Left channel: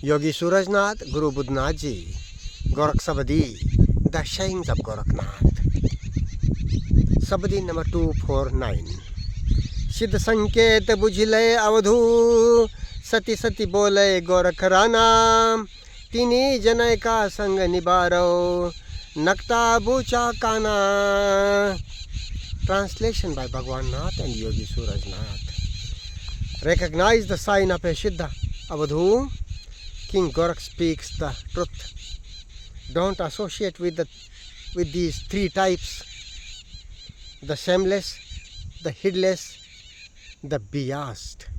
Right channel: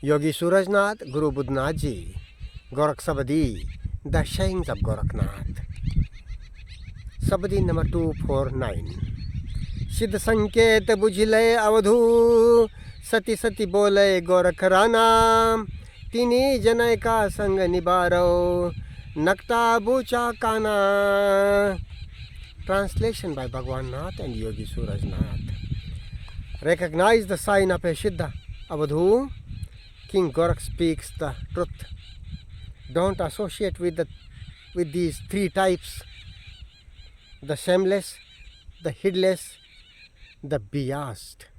Yogi Surajnath, Guru Budnath Ji, Gorakh Sabadi, The Sayings of Gorakhnath. Sabadi number 249. सिद्ध संकेत बुझिले अवधू, सती सती बोले गोरख राना, तिनी जनय का संग निबारो, नक्ता बूचा काना. Translation by Bhagwan Nath and Yogi Surajnath. Recognize the sign of a Siddha Avadhu. King Gorakh speaks the truth. Don't associate with these three types: the shameless, the heedless, the biased.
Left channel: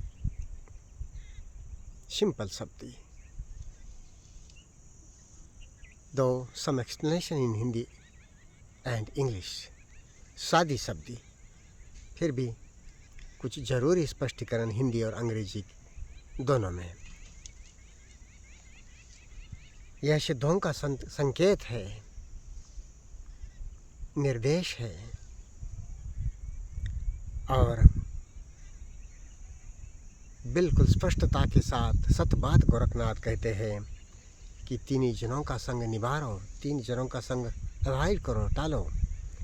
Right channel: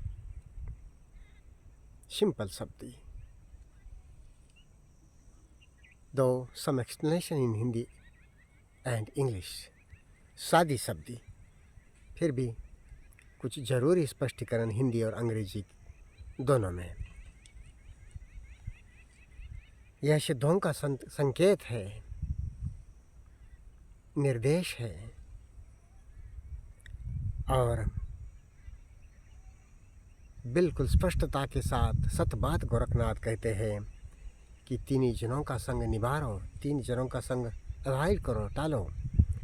Simple Sabdi. Though some explanation in Hindi and English, सादी शब्दी, फिर भी कुछ जरूरी स्पष्टीकरण हिंदी और अंग्रेजी दोनों में. यह सिद्धों का संकेत है, निर्देश है, और बिल्कुल स्पष्टता के साथ सत बात गोरखनाथ कहते हैं कि तीन जनों का संग निभाओ, तीन जनों का संग अवॉइड करो, टालो.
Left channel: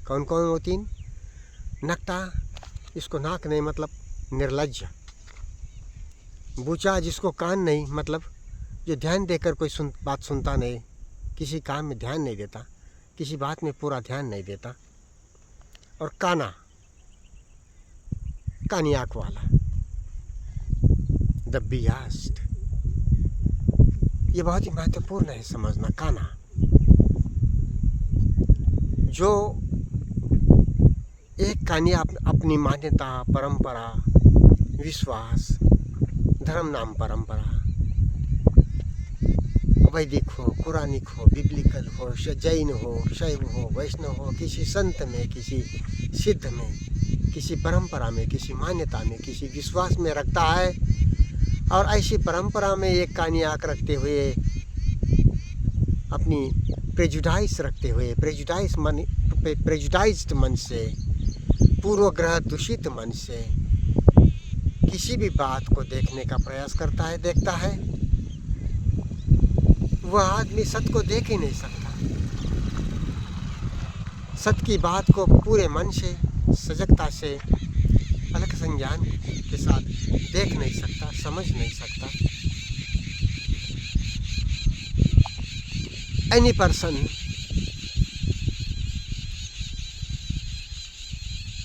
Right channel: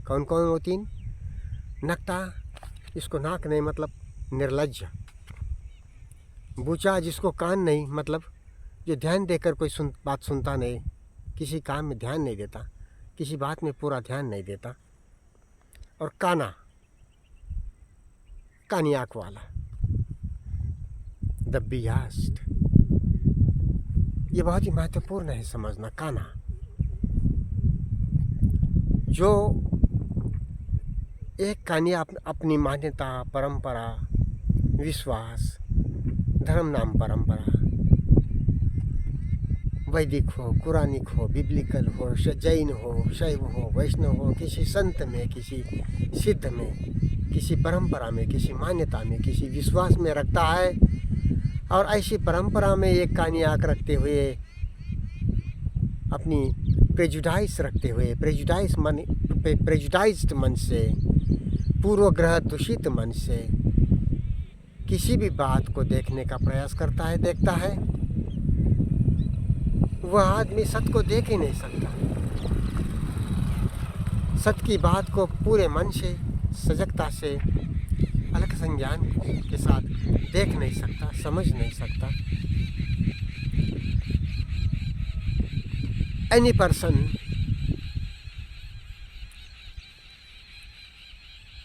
कौन कौन वो तीन? नकटा, इसको नाक नहीं मतलब निर्लज्ज. बूचा, जिसको कान नहीं मतलब जो ध्यान देकर कोई बात सुनता नहीं, किसी काम में ध्यान नहीं देता, किसी बात में पूरा ध्यान नहीं देता. और काना, कानी आँख वाला, द बियास्ड. ये बहुत ही महत्वपूर्ण है समझना. काना, जो एक कानी अपनी मान्यता, परंपरा, विश्वास, धर्म नाम परंपरा, वैदिक हो, कुरानिक हो, बिब्लिकल हो, जैन हो, शैव हो, वैष्णव हो, किसी संत में, किसी सिद्ध में, किसी परंपरा में, किसी मान्यता में, किसी विश्वास में रखता है. और ऐसी परंपरा में एक कानी आँख रखते हुए, अपनी प्रेजुडाइज रखते हुए, प्रेजुडाइज्ड मन से, पूर्वग्रह दूषित मन से किसी भी बात को देखने का प्रयास करता है, देखता है, वह आदमी सत्य को देख ही नहीं सकता. सत्य की बात को पूरे मन से, सजगता से, अलग संज्ञान के साथ देख नहीं सकता, समझ नहीं सकता. Any person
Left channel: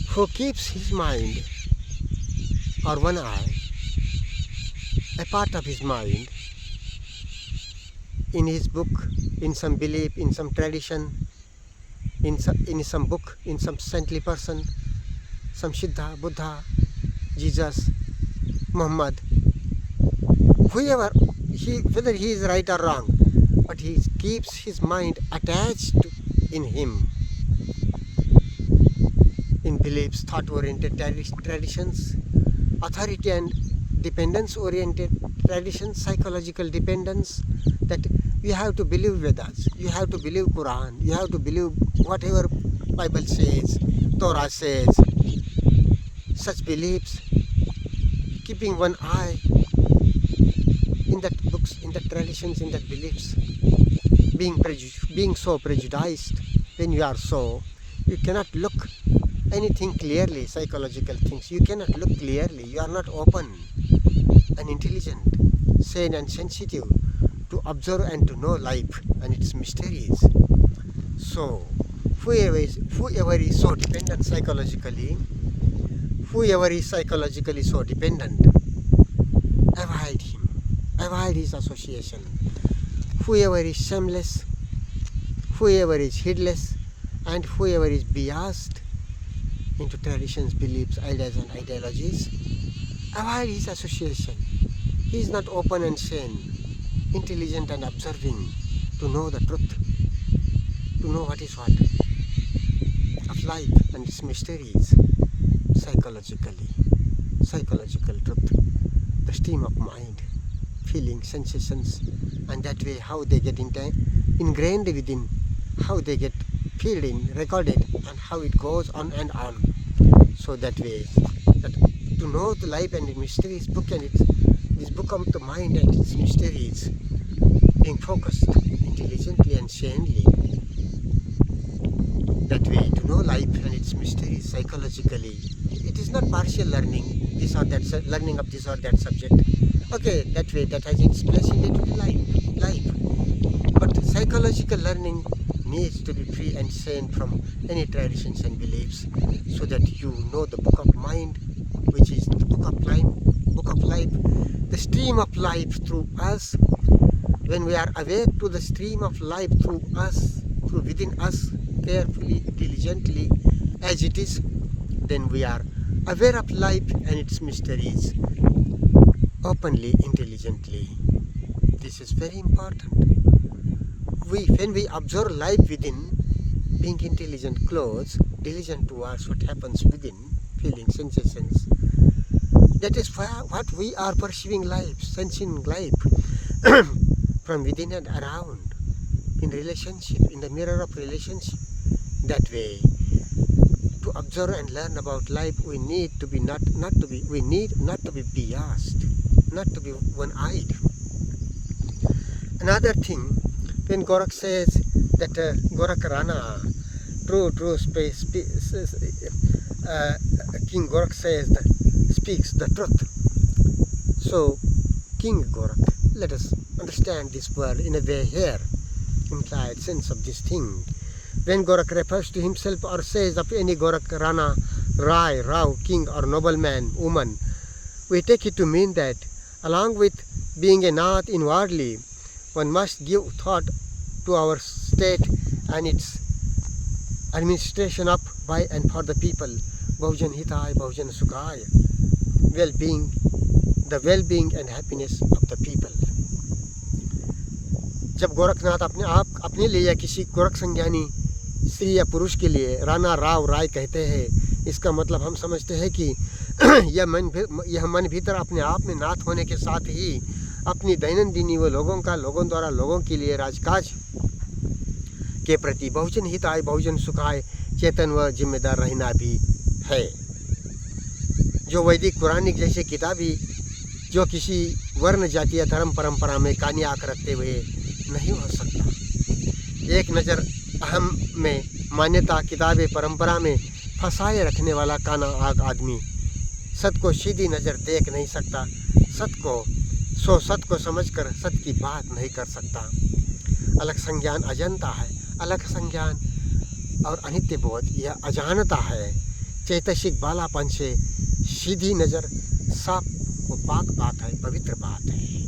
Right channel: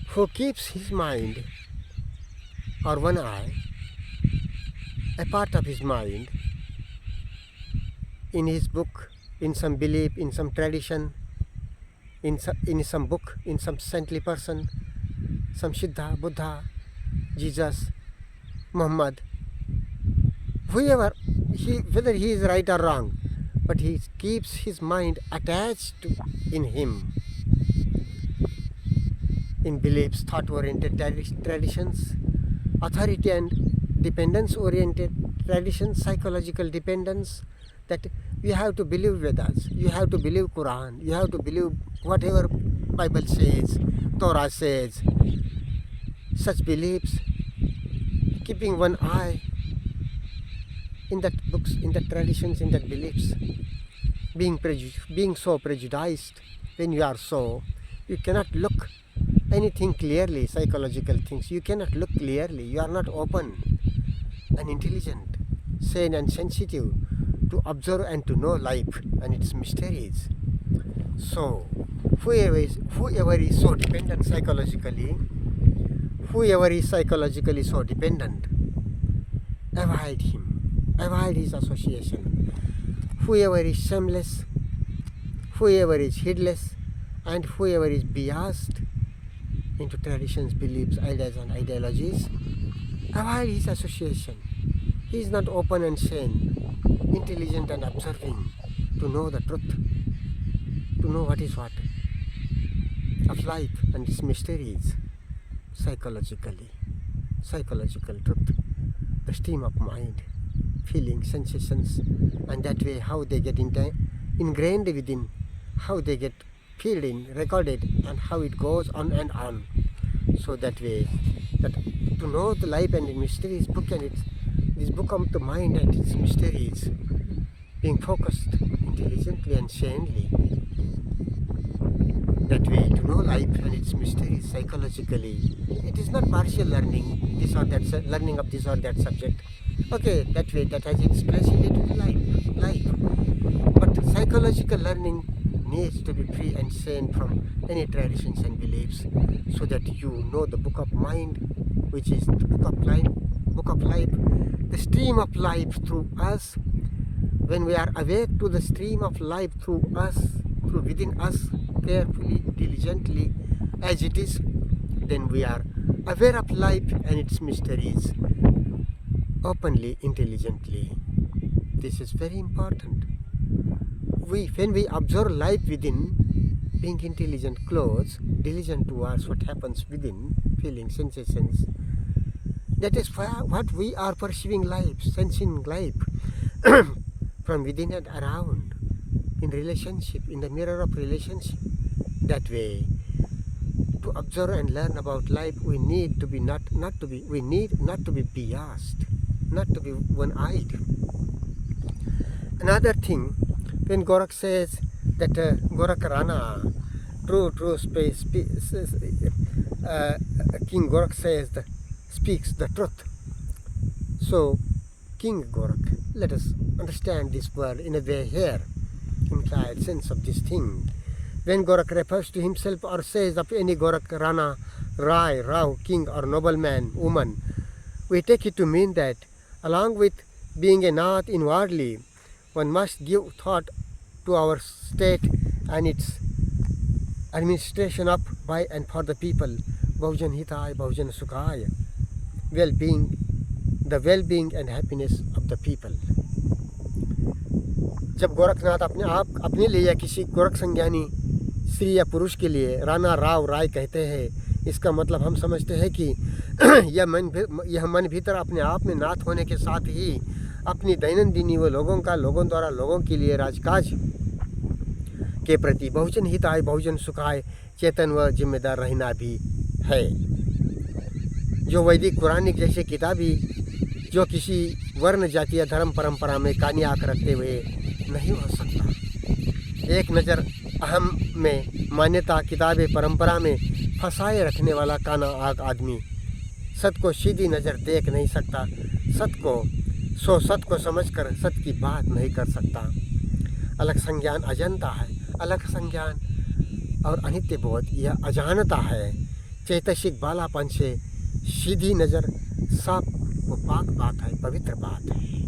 who keeps his mind or one eye, a part of his mind, in his book, in some belief, in some tradition, in some book, in some saintly person, some Siddha, Buddha, Jesus, Muhammad, whoever, whether he is right or wrong, but he keeps his mind attached in him, in beliefs, thought-oriented traditions, authority and dependence-oriented traditions, psychological dependence, that you have to believe Vedas, you have to believe Quran, you have to believe whatever Bible says, Torah says. Such beliefs, keeping one eye in that books, in that traditions, in that beliefs, being so prejudiced. When you are so, you cannot look anything clearly, psychological things. You cannot look clearly. You are not open and intelligent, sane and sensitive to observe and to know life and its mysteries. So, whoever is so dependent psychologically, whoever is psychologically so dependent, avoid him, avoid his association. Whoever is shameless, whoever is heedless, and whoever is biased into traditions, beliefs, ideas and ideologies, avoid his association. He is not open and sane, intelligent and observing to know the truth, to know what is what of life and its mysteries, psychological truth, the stream of mind, feelings, sensations, and that way how they get ingrained within, how they get filled in, recorded, and how it goes on and on. So that way, that to know the life and its mysteries book and this book of the mind and its mysteries, being focused intelligently and sanely. That way to know life and its mysteries psychologically. It is not partial learning, this or that, learning of this or that subject. Okay, that way that has its place in day-to-day life. But psychological learning needs to be free and sane from any traditions and beliefs, so that you know the book of mind, which is the book of life, the stream of life through us. When we are awake to the stream of life through us, through within us, carefully, diligently, as it is, then we are aware of life and its mysteries, openly, intelligently. This is very important. When we observe life within, being intelligent, close, diligent towards what happens within, feelings, sensations, that is what we are perceiving life, sensing life from within and around, in relationship, in the mirror of relationship. That way, to observe and learn about life, we need not to be biased, not to be one-eyed. Another thing, when Gorakh says that Gorakh Rana, King Gorakh speaks the truth. So, King Gorakh, let us understand this word in a way here, implied sense of this thing. When Gorakh refers to himself or says of any Gorakh, Rana, Rai, Rao, king or nobleman, woman, we take it to mean that along with being a Nath inwardly, one must give thought to our state and its administration up by and for the people, Bahujan Hitaya, Bahujan Sukhaya, the well-being and happiness of the people. जब गोरखनाथ अपने लिए या किसी गोरख संज्ञानी स्त्री या पुरुष के लिए राणा, राव, राय कहते हैं, इसका मतलब हम समझते हैं कि यह मन भीतर अपने आप में नाथ होने के साथ ही अपनी दैनंदिनी व लोगों द्वारा लोगों के लिए राजकाज के प्रति बहुजन हिताय, बहुजन सुखाय, चेतन व जिम्मेदार रहना भी है, जो वैदिक पुराणिक जैसे किताबी, जो किसी वर्ण, जाति या धर्म परंपरा में कानी आंख रखते हुए नहीं हो सकता। एक नज़र अहम में मान्यता, किताबें, परंपरा में फंसाए रखने वाला काना आग आदमी सत को सीधी नज़र देख नहीं सकता, सत को समझकर सत की बात नहीं कर सकता। अलग संज्ञान अजंता है, अलग संज्ञान और अनित्य बोध यह अजानता है। चैतसिक बालापन से सीधी नज़र साफ व पाक बात है, पवित्र बात है।